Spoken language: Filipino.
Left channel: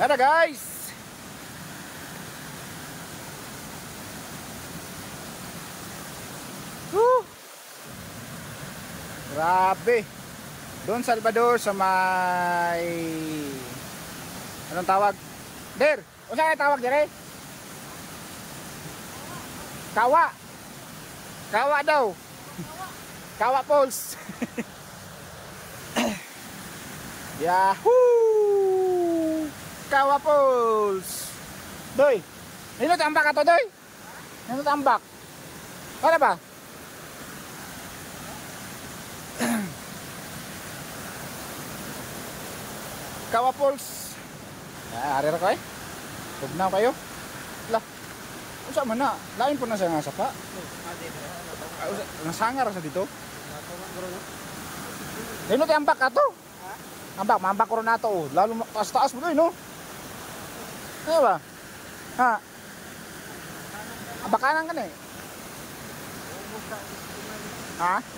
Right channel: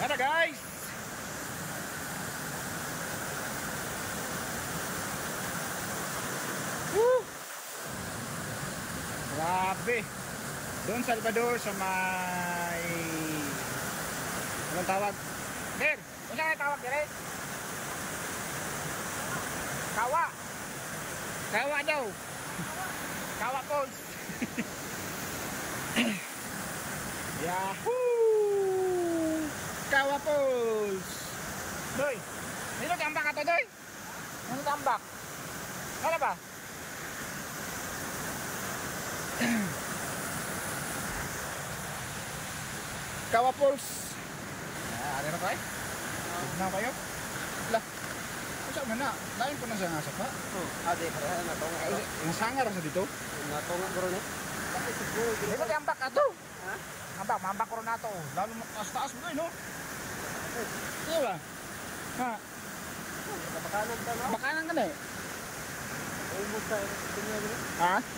Yan na guys. Woo! Grabe. Doon sa Salvador sa may anong tawag? Der, unsa nga tawag dire? Kawa. Kawa daw. Kawa Falls. Yahoo! Kawa Falls. Doy. Nino tambak ato doy? Nino tambak? Ano ba? Kawa Falls. Ari ra kay. Tignan kayo. Lah. Unsa man na? Lain po na siya nga sapa. Nasangar sa dito. Dino kay ambak ato. Mambak ko na to. Lalo taas mo doy no. Ano ba? Ha. Bakanan ka na eh. Ha?